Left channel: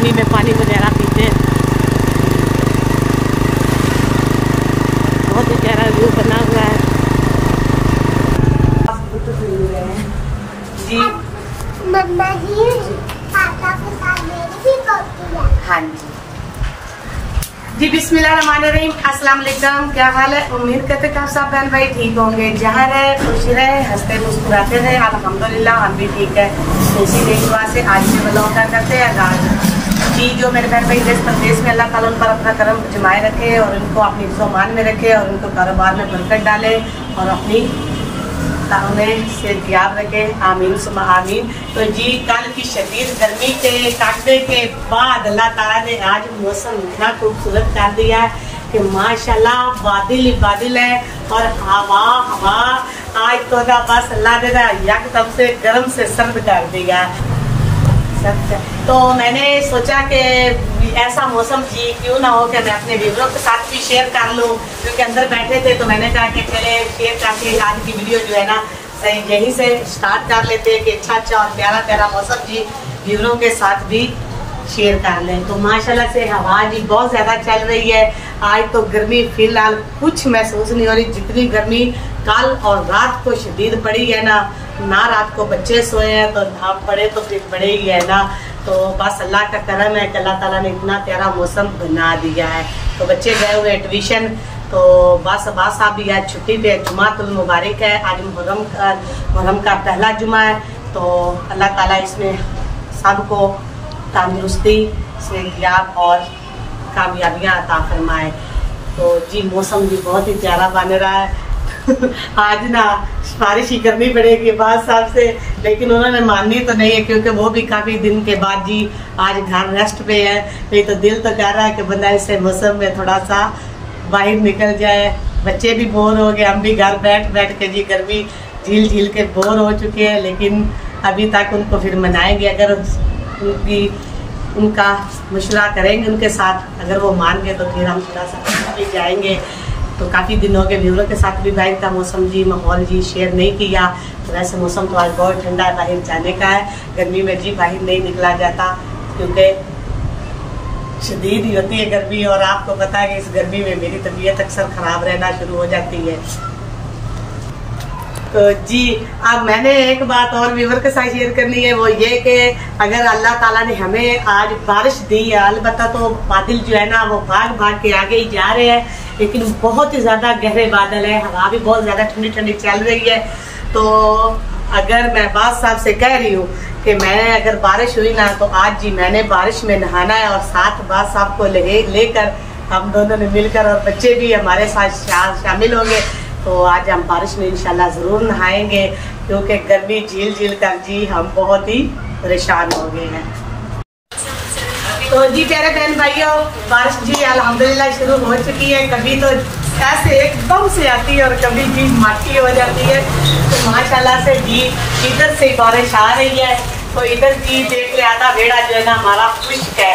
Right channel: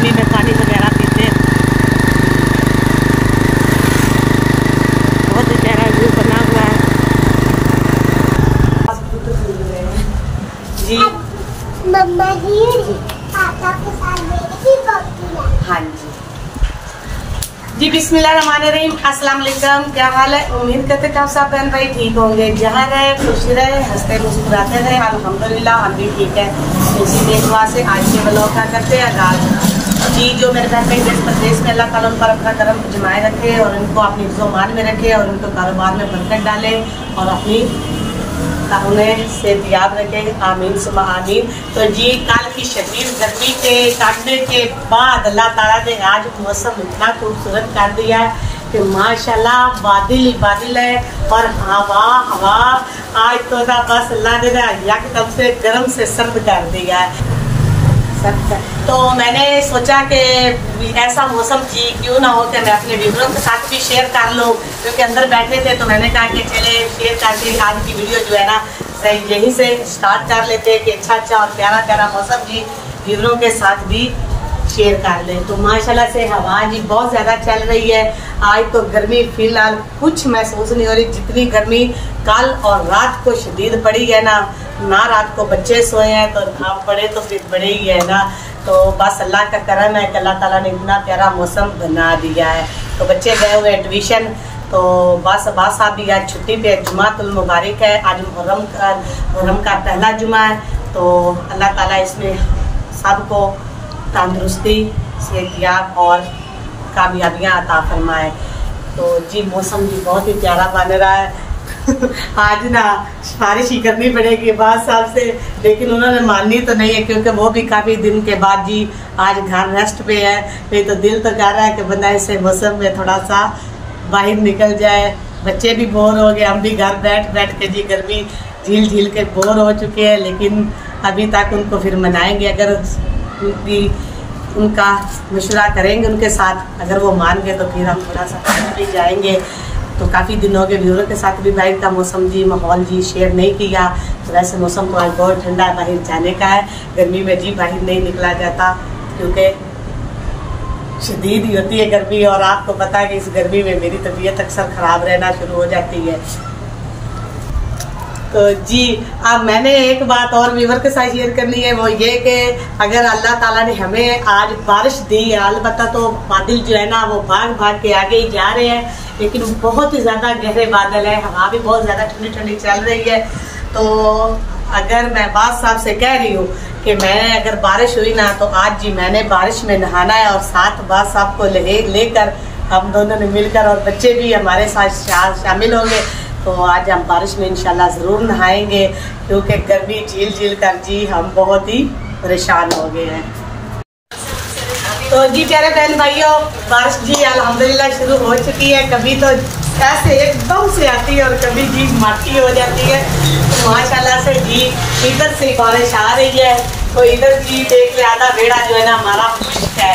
गर्मी में पानी वगैरह पीते हैं। बहुत ही प्यारा व्यू बना हुआ है जी। मम्मा जी पापा के साथ मेरी हाँ जी जी। बिस्मिल्लाहिर्रहमानिर्रहीम, अस्सलाम वालेकुम। क्या हाल है? उम्मीद करते हैं आप सब बहन भाई ठीक होंगे। जहाँ रहे खुश रहे, हंसते मुस्कुराते रहे। अल्हम्दुलिल्लाह हम भी ठीक है। इसी दुआ से आज भी व्लॉग का करते हैं आगाज़ जी। जो मेरे बहन भाई देश प्रदेश में, अल्लाह ताला उन पर अपना करम जमाए रखे और उनको अपनी ईज़्ज़ो-मान में रखे और उनको कारोबार में बरकत डाले और अपनी उन्हें सेहतयाब रखे। आमीन सुमा आमीन। तो जी कल की शदीद गर्मी के काटने के बाद अल्लाह ताला ने आज मौसम इतना खूबसूरत कर दिया है कि माशाल्लाह बादल ही बादल है और हवा हवा। आज तो बस अल्लाह ने यकदम से गर्म से सर्द कर दिया है सब। तो मैंने सोचा कि ऐसा मौसम जी क्यों ना हो कि मैं अपने व्यूअरों के साथ भी शेयर कर लूँ, क्योंकि अंदर बैठे थे तो मैंने कहा कि चले शेयर करके आज की वीडियो जो है ना यहीं से स्टार्ट कर लेते हैं कि अच्छा और प्यारा प्यारा मौसम जी व्यूअरों के साथ भी शेयर कर लें। तो माशाल्लाह से हवा जी बहुत ज़्यादा चल रही है। आज तो गर्मी फिलहाल कुछ महसूस नहीं हो रही। जितनी गर्मी कल और रात को शदीद पड़ी है ना रात को बच्चे सोए हैं तो आप पड़े तो फिर बड़े ही है ना। तो बस अल्लाह का करम है कि अल्लाह ताला ने इतना प्यारा मौसम बना दिया है। तो बच्चे गए हुए हैं ट्यूशन, तो बस अब्बास साहब भी आज छुट्टी पे। जुमातुल मुबारक है, आज मुहर्रम का पहला जुमा है। तो अल्लाह ताला इसमें सबको तंदुरुस्ती, सेहतयाब और कामयाबियाँ अता फरमाए। तो जी मौसम भी बहुत ही प्यारा बन रहा है। आज ना सिफारिश ही करनी पड़ेगी बात साहब से, लेकिन उन्होंने माननी तो नहीं है क्योंकि वो भी काफ़ी दिन के बाद जी आज घर रेस्ट पे है। नहीं तो दिल तो कर रहा है कि बंदा इस मौसम में थोड़ा सा बाहर निकल जाए। बच्चे भी बोर हो गए, हम भी घर बैठ बैठ के जी गर्मी झील झील के बोर हो चुके हैं। लेकिन अभी तक उनको फिर मनाएंगे, अगर उनका मशवरा करेंगे उनके साथ, अगर वो मान गए तो फिर हम थोड़ा सा भी जाएंगे। तो काफ़ी दिन हो गए व्यूअर के साथ भी बाहर का मौसम जी माहौल जी शेयर नहीं किया। तो वैसे मौसम तो आज बहुत ठंडा है, बाहर जाने का है। गर्मी में जी बाहर नहीं निकला जाता क्योंकि शदीद ही होती है गर्मी। और आपको पता है कि इस गर्मी में मेरी तबीयत अक्सर ख़राब रहना शुरू हो जाती है। तो जी अब मैंने एक बात और व्यूअर के साथ शेयर करनी है, वो ये कि अगर अल्लाह ताला ने हमें आज बारिश दी है, अलबत्ता तो बादल जो है ना वो भाग भाग के आगे ही जा रहे हैं, लेकिन बहुत ही ज़्यादा गहरे बादल है। हवा भी बहुत ज़्यादा ठंडी ठंडी चल रही है। तो अगर मैं बात साहब से कह रही हूँ कि मैं अगर बारिश हुई ना तो आज जी मैंने बारिश में नहाना है और साथ बात साहब को लेकर हम दोनों ने मिलकर और बच्चे भी हमारे साथ शामिल होंगे। तो आज हम बारिश में इंशाल्लाह ज़रूर नहाएंगे क्योंकि गर्मी झील झील कर जी हम बहुत ही परेशान हो गए हैं। तो जी प्यारे बहन भाइयों, बारिश जी अल्हम्दुलिल्लाह शुरू हो चुकी है। कभी तो ऐसे एकदम से आती है और कभी जी माटी हो जाती है। तो माशाल्लाह से जी इधर से बारिश आ रही है। तो इधर जी देख ले आधा बेड़ा जो है ना हमारा खुश्क है,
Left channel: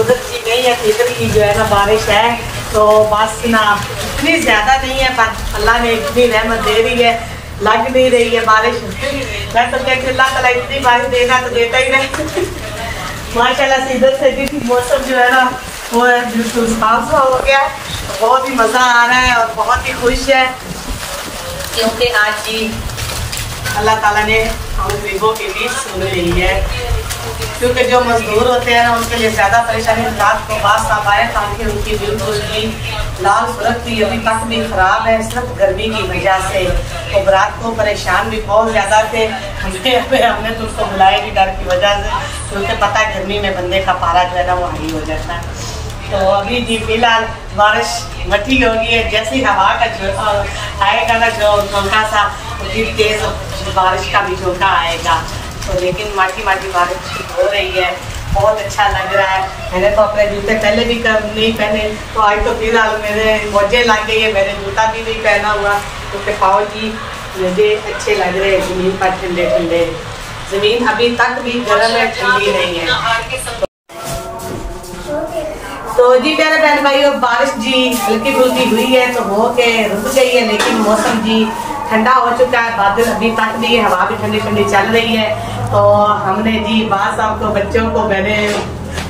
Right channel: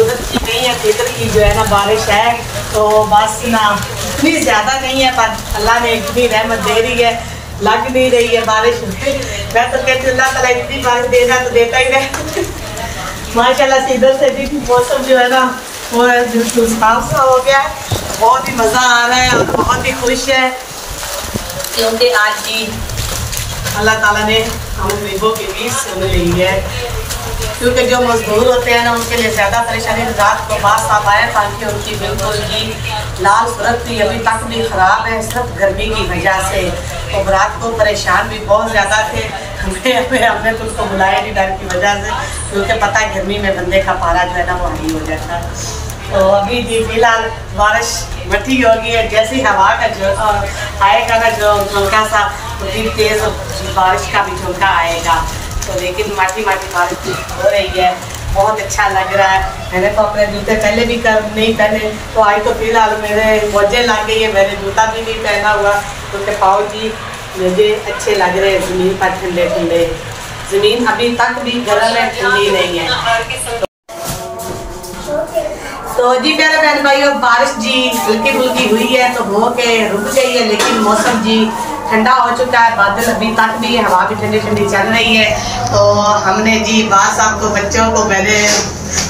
उधर की नहीं है, इधर की जो है ना बारिश है। तो बस ना इतनी ज़्यादा नहीं है पर अल्लाह ने इतनी रहमत दे रही है, लग नहीं रही है बारिश। मैं तो कहती हूँ अल्लाह ताला इतनी बारिश देगा तो देता ही रहे। माशाल्लाह से इधर से भी मौसम जो है ना वो बिल्कुल साफ सा हो गया है। बहुत ही मज़ा आ रहा है और बहुत ही खुश है क्योंकि आज जी अल्लाह ताला ने हम गरीबों की भी सुन ली है। क्योंकि जो मजदूर होते हैं ना उनके लिए ज़्यादा परेशानी। रात को बात साहब आए ताकि उनकी बिल्कुल जी लाल सूरत थी, अभी तक भी ख़राब है सिर्फ गर्मी की वजह से। तो रात को परेशान भी बहुत ज़्यादा थे। हमने तो उनको बुलाया नहीं डर की वजह से, क्योंकि पता है गर्मी में बंदे का पारा जो है ना वो हाई हो जाता है। तो अभी जी फिलहाल बारिश मठी हो गई है। जैसी हवा का जो आएगा ना जो झोंका सा, उतनी तेज़ बारिश का भी झोंका आएगा। तो लेकिन माटी माटी बारिश हो रही है, बहुत अच्छा लग रहा है। मैंने तो अपने जूते पहले भी नहीं पहने, तो आज तो फिलहाल मेरे मोजे लग गई है। मैंने जूता भी नहीं पहना हुआ क्योंकि पाँव जी मुझे अच्छे लग रहे हैं ज़मीन पर ठंडे ठंडे। ज़मीन अभी तक भी गर्म है, ठंडी नहीं है। तो जी प्यारे बहन भाइयों, बारिश जी हल्की फुल्की हुई है तो हो के रुक गई है, लेकिन मौसम जी ठंडा हो चुका है, बादल अभी तक भी, हवा भी ठंडी ठंडी चल रही है। तो हमने जी बात साहब को, बच्चों को मैंने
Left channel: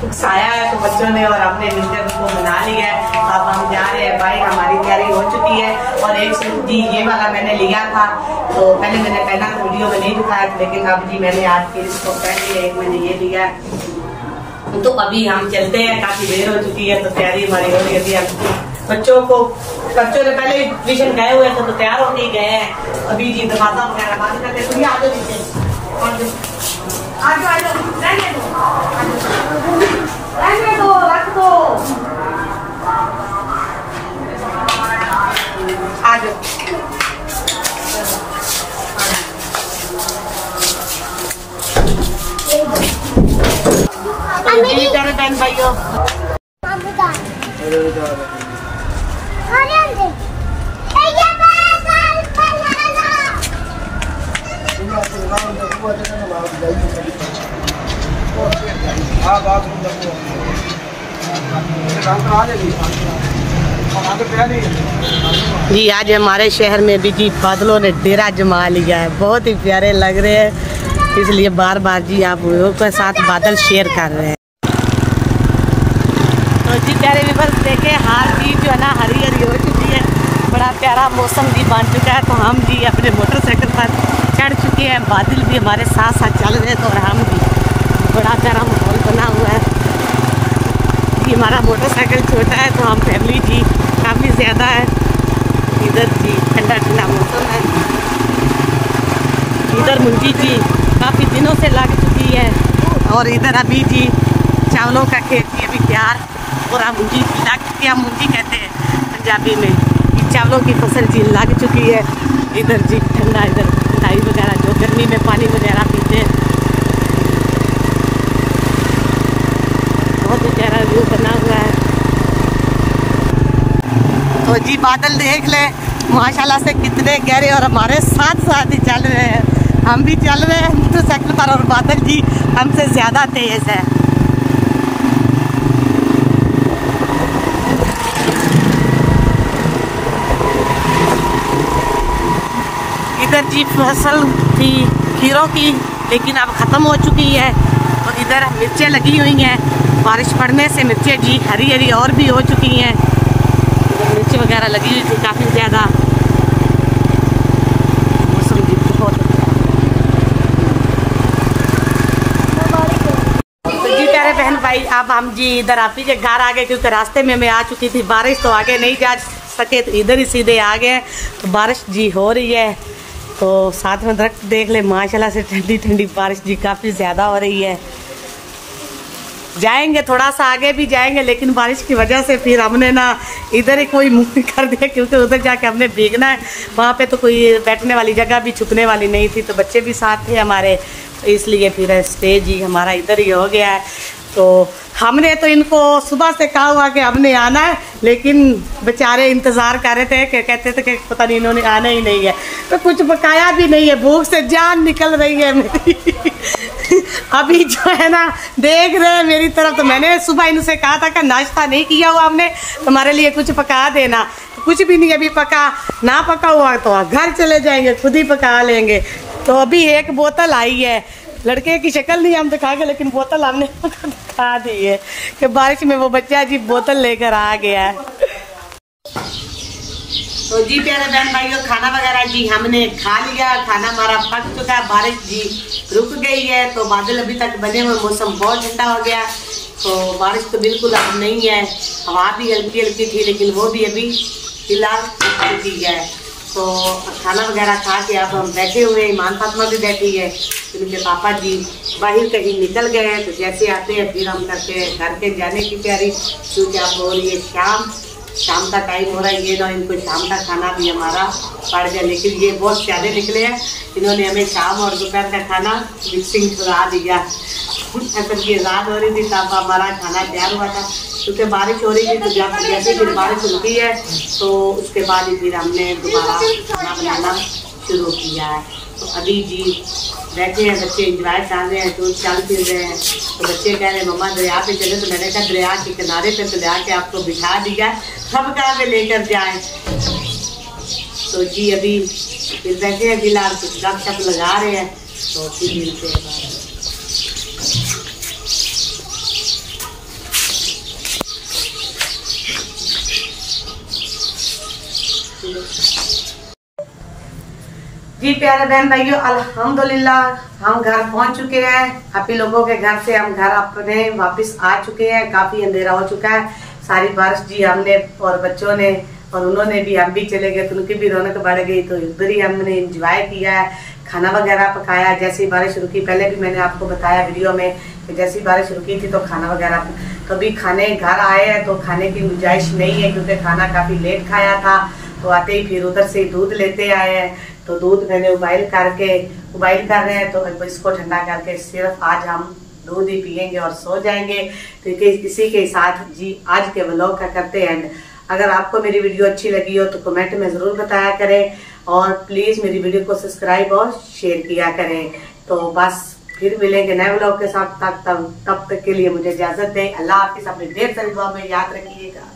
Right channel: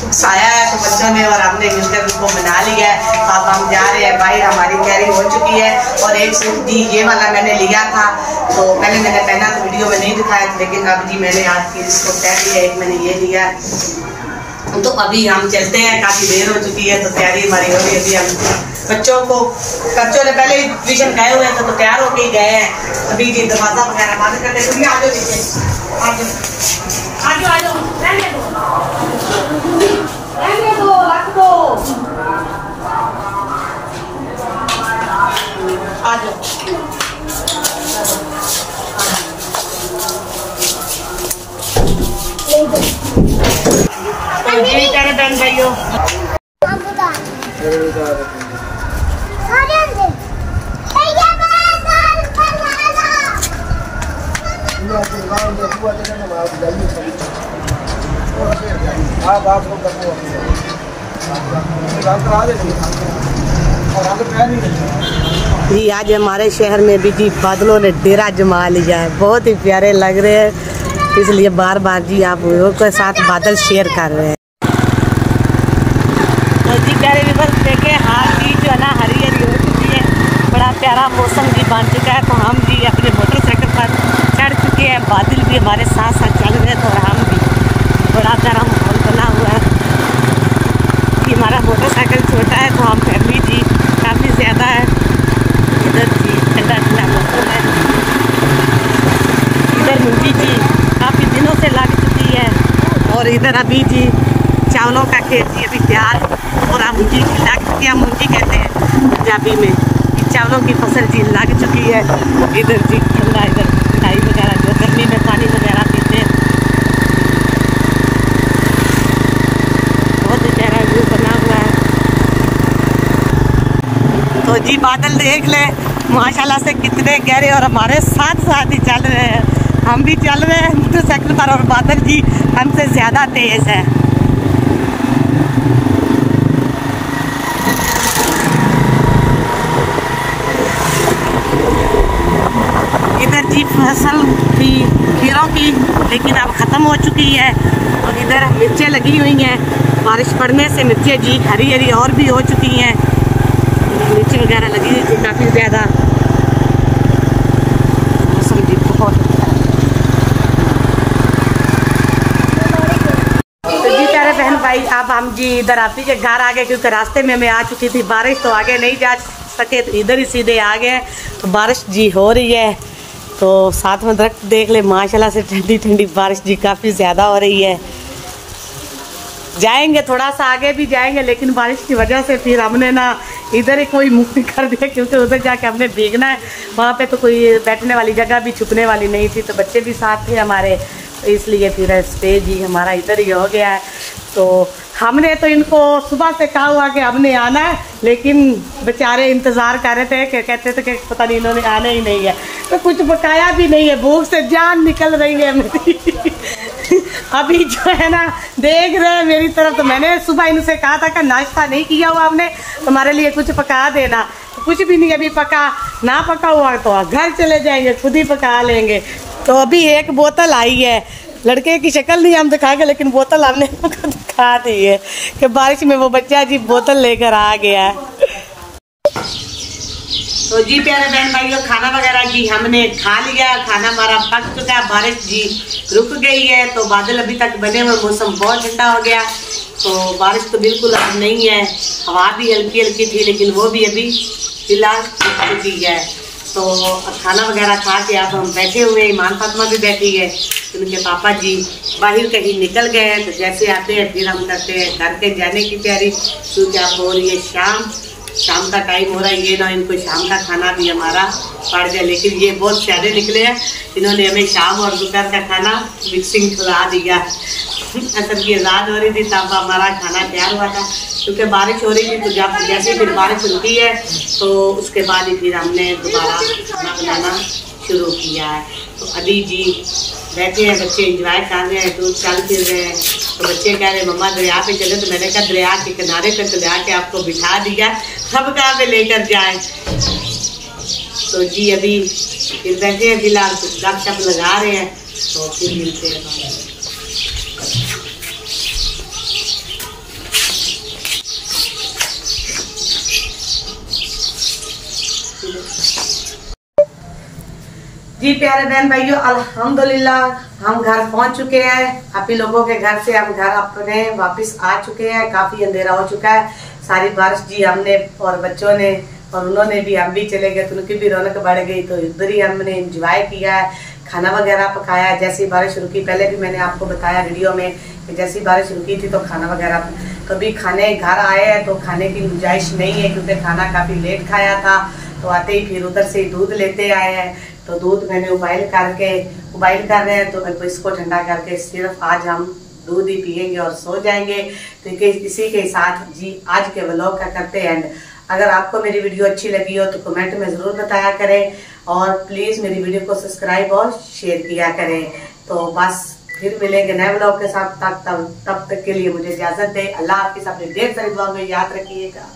उकसाया है, तो बच्चों ने और हमने मिलकर उनको मना लिया है। अब हम जा रहे हैं बाहर, हमारी तैयारी हो चुकी है। और एक सूट जी ये वाला मैंने लिया था, तो पहले मैंने पहना तो वीडियो में नहीं दिखाया था, लेकिन अब जी मैंने आज फिर इसको पहन लिया। एक मैंने ये लिया, तो अभी हम चलते हैं, काफ़ी देर हो चुकी है, तो तैयारी हमारी हो रही है। अभी हम बच्चों ने पहले ट्यूशन गए हुए थे, तो तैयार होके गए हैं। अभी जी दरवाजा वगैरह बंद करते हैं। आ जाओ नीचे, आ जाओ, रख दो, आ जाओ। जी तेरे बहन भाइयों, जी आज हमारे शहर में भी जी बादलों ने डेरा जमा लिया है, बहुत ही प्यारे लग रहे हैं, इसलिए बार बार जी आप लोगों के साथ बादल शेयर कर रहे हैं। तो जी प्यारे व्यूअर्स देखे, हाल ही जो है ना हरी हरी हो चुकी है, बड़ा प्यारा मौसम जी बन चुका है। तो हम जी अपने मोटरसाइकिल पर चढ़ चुके हैं, बादल भी हमारे साथ साथ चल रहे हैं, तो और हम भी, बड़ा प्यारा माहौल बना हुआ है। कि हमारा मोटरसाइकिल छोटा है, तो हम फैमिली जी काफ़ी ज़्यादा है। इधर जी ठंडा ठंडा मौसम है, इधर मुंजी जी काफ़ी दिनों से लग चुकी है, और इधर अभी जी चावलों का खेत जी अभी तैयार, और मुंजी लग चुकी है, मुंजी कहते हैं पंजाबी में। चावलों की फसल जी लग चुकी है। इधर जी ठंडा, इधर मिठाई वगैरह जो गर्मी में पानी वगैरह पीते हैं, बहुत ही प्यारा व्यू बना हुआ है। तो जी बादल देख ले माशाल्लाह से कितने गहरे, और हमारे साथ साथ ही चल रहे हैं, हम भी चल रहे हैं मोटरसाइकिल पर, और बादल जी हमसे ज़्यादा तेज है। इधर जी फसल थी खीरों की, लेकिन अब ख़त्म हो चुकी है, और इधर मिर्चें लगी हुई हैं। बारिश पड़ने से मिर्चें जी हरी हरी और भी हो चुकी हैं, मिर्ची वगैरह लगी हुई थी काफ़ी ज़्यादा। मौसम जी बहुत अच्छा है। तो जी प्यारे बहन भाई, अब हम जी इधर आपी के घर आ गए, क्योंकि रास्ते में मैं आ चुकी थी बारिश, तो आगे नहीं जा सके, तो इधर ही सीधे आ गए। तो बारिश जी हो रही है, तो साथ में दरख्त देख ले माशाल्लाह से, ठंडी ठंडी बारिश जी काफ़ी ज़्यादा हो रही है। जाएंगे थोड़ा सा आगे भी जाएंगे, लेकिन बारिश की वजह से फिर हमने ना इधर ही कोई मुंह कर दिया, क्योंकि उधर जाके हमने भीगना है। वहाँ पे तो कोई बैठने वाली जगह भी, छुपने वाली नहीं थी, तो बच्चे भी साथ थे हमारे, तो इसलिए फिर स्टे जी हमारा इधर ही हो गया है। तो हमने तो इनको सुबह से कहा हुआ कि हमने आना है, लेकिन बेचारे इंतज़ार कर रहे थे, कि कहते थे कि पता नहीं इन्होंने आना ही नहीं है, तो कुछ पकाया भी नहीं है, भूख से जान निकल रही है मेरी। अभी जो है ना देख रहे हैं मेरी तरफ, तो मैंने सुबह इनसे कहा था कि नाश्ता नहीं किया हुआ हमने, तुम्हारे लिए कुछ पका देना, तो कुछ भी नहीं अभी पका, ना पका हुआ तो घर चले जाएंगे, खुद ही पका लेंगे। तो अभी एक बोतल आई है, लड़के की शक्ल नहीं हम दिखाएंगे, लेकिन बोतल हमने दिखा दी है कि बारिश में वो बच्चा जी बोतल लेकर आ गया है। तो जी प्यारे बहन भाइयों, खाना वगैरह जी हमने खा लिया, खाना हमारा पक चुका है, बारिश जी रुक गई है, तो बादल अभी तक बने हुए, मौसम बहुत ठंडा हो गया, तो बारिश तो बिल्कुल अब नहीं है, हवा भी हल्की हल्की थी, लेकिन वो भी अभी फिलहाल रुक चुकी है। तो खाना वगैरह खा के अब हम बैठे हुए, ईमान फातिमा भी बैठी है, उनके पापा जी बाहर कहीं निकल गए हैं, तो जैसे आते हैं फिर हम करते हैं घर के जाने की तैयारी, क्योंकि आप हो रही है शाम का टाइम हो रहा है, ये ना इनको शाम का खाना भी हमारा पड़ जाए, लेकिन ये बहुत प्यारे निकले हैं, इन्होंने हमें शाम और दोपहर का खाना मिक्सिंग खिला दिया। असल की आज़ाद हो रही थी तब हमारा खाना तैयार हुआ था, क्योंकि बारिश हो रही थी, तो जब जैसे फिर बारिश रुकी है तो उसके बाद ही फिर हमने दोबारा खाना बनाना शुरू किया है। तो अभी जी बैठे हैं, बच्चे एंजॉय कर रहे हैं, दूर चल फिर रहे हैं, तो बच्चे कह रहे हैं मम्मा दरिया पे चले, तो मैंने कहा दरिया के किनारे पे तो ले आके आपको बिठा दिया, अब कहाँ पे लेकर जाए। तो जी अभी फिर बैठे हैं फिलहाल, कुछ गपशप लगा रहे हैं, तो फिर मिलते हैं बाद में। जी प्यारे बहन भाइयों, अल्हम्दुलिल्लाह हम घर पहुंच चुके हैं। आप ही लोगों के घर से हम घर अपने वापस आ चुके हैं। काफी अंधेरा हो चुका है, सारी बारिश जी हमने और बच्चों ने और उन्होंने भी, हम भी चले गए तो उनकी भी रौनक बढ़ गई, तो इधर ही हमने एंजॉय किया है, खाना वगैरह पकाया। जैसी बारिश रुकी, पहले भी मैंने आपको बताया वीडियो में कि जैसी बारिश रुकी थी तो खाना वगैरह, तो अभी खाने घर आए हैं तो खाने की गुंजाइश नहीं है क्योंकि खाना काफी लेट खाया था। तो आते ही फिर उधर से दूध लेते आए हैं, तो दूध मैंने उबाइल कर रहे हैं, तो इसको ठंडा करके सिर्फ आज हम दूध ही पियेंगे और सो जाएंगे। तो इसी के साथ जी आज के व्लॉग का करते हैं एंड। अगर आपको मेरी वीडियो अच्छी लगी हो तो कमेंट में जरूर बताया करें और प्लीज मेरी वीडियो को सब्सक्राइब और शेयर किया करें। तो बस फिर मिलेंगे नए व्लॉग के साथ, तब तक के लिए मुझे इजाजत दे। अल्लाह हाफिज़, अपनी ढेर सारी दुआ में याद रखिएगा।